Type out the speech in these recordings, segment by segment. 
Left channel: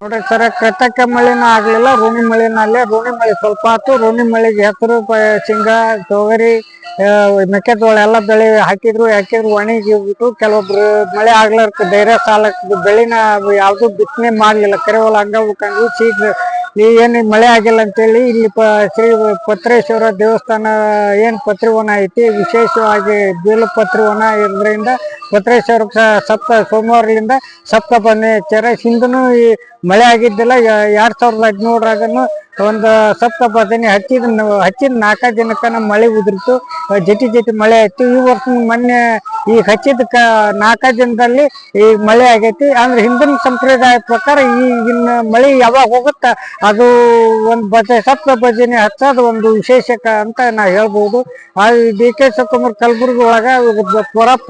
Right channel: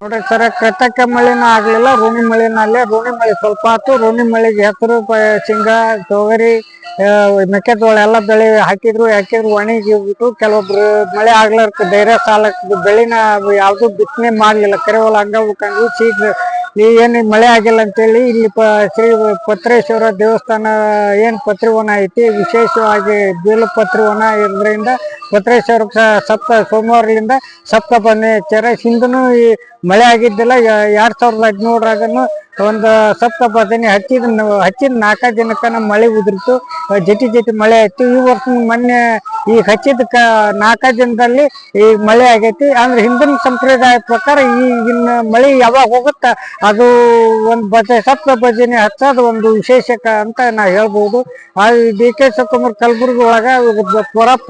ನೋಡ್ರಿ ಸರ್, ಕೃತಕ ಮಳೆನ ಆಗ್ಲಿಲ್ಲ, ಋಣಿ ಮಳೆನಲ್ಲೇ. ಋಣಿ ಮಳೆ ಸ್ವಲ್ಪ ಆಯ್ತು. ಋಣಿ ಮಳೆಗೆ ಹೆಸರು, ಶೇಂಗಾ, ತೊಗರಿ, ಮೆಕ್ಕೆಜೋಳ ಎಲ್ಲ ಬೆಳೆ ಹಾಕಿದ್ರು ಒಣಗಿಬಿಟ್ಟು. ಕೆಲವೊಬ್ರು ಮಳೆ ಆಗ್ಲಾರ್ಕ ಧೈರ್ಯ ಸಾಲಕ್ಕೆ ಬೆಳಿನ ಯಾವ್ದು ಬಿತ್ತನೆ ಮಾಡ್ಲಿಲ್ಲ. ಕೆರೆವಲ ಹಂಗ ಉಳ್ಕೊಂಡು ಶೀಘ್ರ ಏನು ಮಳೆ ಆಗಿಲ್ಲ ಅಂತೇಳಿ ಇಲ್ಲಿ ಶ್ರೀ ಪತ್ರೇಶ್ವರ ದೇವಸ್ಥಾನ ಏನ್ ಪತ್ರಿವನ ಐತಿ, ವಿಶೇಷವಾಗಿ ಬೀಲಪತ್ರಿವನ ಇರೋದ್ರಿಂದ ಪತ್ರೇಶ್ವರ ಸೋಮವಾರದಿಂದ ಸಪ್ತಪದಿ ಹಚ್ಚಾರ. ಹಿಂದೂ ಈ ಮಳೆ ಆಗಿದ್ದಿಲ್ಲ. 2013ರಾಗನು ಒಂದು ಸಪ್ತಪದಿನಿ ಹಚ್ಚಿದ 4 ದಿನಕ್ಕನ ಮಳೆ ಉದುರಿತು. ಜಟಿ ಮಳೆ ಆಯ್ತು. ಈ ವರ್ಷ ಮೊನ್ನೆ ಈಗ ಹಚ್ಚಿದ 4 ದಿನದಲ್ಲಿ ಈ ಮಳೆ ಆಗೈತಿ. ಅಂದ್ರೆ ಹಿಂದಿನ ಸಂಪ್ರದಾಯ ಪ್ರಕಾರ ಈಗಿನ ಮಳೆ ಯಾವಾಗ ಹೋಗುತ್ತ ಅದು ಒಂದು ಸಪ್ತಪದಿನಿ ಹಚ್ಚೋದು ಒಂದು ವಿಶೇಷಕ ಅಂತ ನಾ ಹೇಳ್ಬೋದು. ಡಿ.ಕೆ. ಶಿವಕುಮಾರ್ ಕಲಬುರ್ಗಿ ಒಳಗ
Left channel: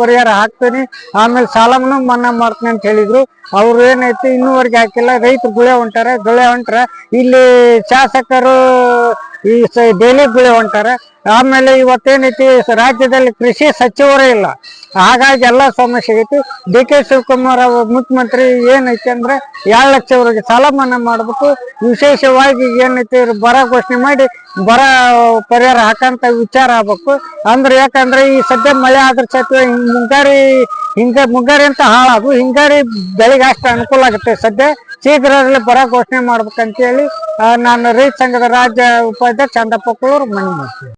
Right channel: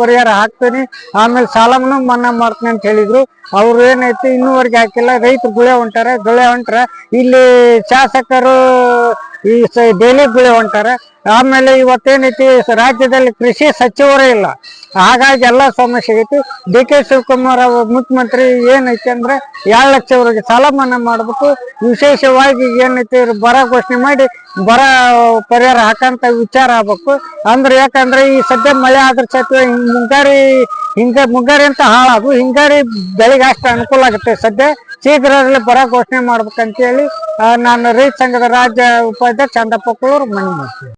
ಪರಿಹಾರ ಹಾಕ್ತೀನಿ, ಆಮೇಲೆ ಸಾಲವನ್ನು ಮನ್ನಾ ಮಾಡ್ತೀನಿ ಅಂತ ಹೇಳಿದ್ರು. ಅವ್ರು ಏನೈತಿ ಇನ್ನೂವರೆಗೆ ಹಾಕಿಲ್ಲ. ರೈತರು ಗುಳೆ ಹೊಂಟಾರ. ಇಲ್ಲಿ ಶಾಸಕರು ಈ ಡೈಲಿ ಗುಳೆ ಹೊಂಟಾರ. ಆಮೇಲೆ ಇವತ್ತೇನೈತಿ ರಾಜ್ಯದಲ್ಲಿ ಕೃಷಿ ಸಚಿವರೇ ಇಲ್ಲ. ಹಾಗಾಗಿ ಎಲ್ಲ ಸಮಸ್ಯೆ ಐತಿ. ಡಿ.ಕೆ. ಶಿವಕುಮಾರ್ ಮುಖ್ಯಮಂತ್ರಿ ಏನೈತಿ ಅಂದ್ರೆ 2 ಲಕ್ಷವರೆಗೆ ಸಾಲ ಮನ್ನಾ ಮಾಡ್ಬೇಕು. ವಿಶೇಷವಾಗಿ ಏನೈತಿ ಬರ ಘೋಷಣೆ ಮಾಡಿ ಬರ ಪರಿಹಾರ ಹಾಕಂತ ವಿಚಾರ ಆಗ್ಬೇಕು. ಅಂದ್ರೆ ಯಾಕಂದ್ರೆ ಈ ಸದ್ಯ ಮಳೆ ಆದ್ರ ಸತ್ವ ಮುಂಗಾರಿ ಅಂತ ಹಾಳಾಗು, ಹಿಂಗಾರಿ ಬೆಳೆಗೆ ಅಷ್ಟು ಅನುಕೂಲ ಆಗುತ್ತೆ. ಸದ್ಯ ಶೀಘ್ರದಲ್ಲೇ ಬರ ಘೋಷಣೆ ಮಾಡ್ಬೇಕಂತೇಳಿ ನಾನು ರೈತ ಸಂಘದ ರಾಜ್ಯ ಉಪಾಧ್ಯಕ್ಷ ಚಂದಪ್ಪ ಕುಳೂರು ಮನವಿ ಮಾಡ್ತೀನಿ.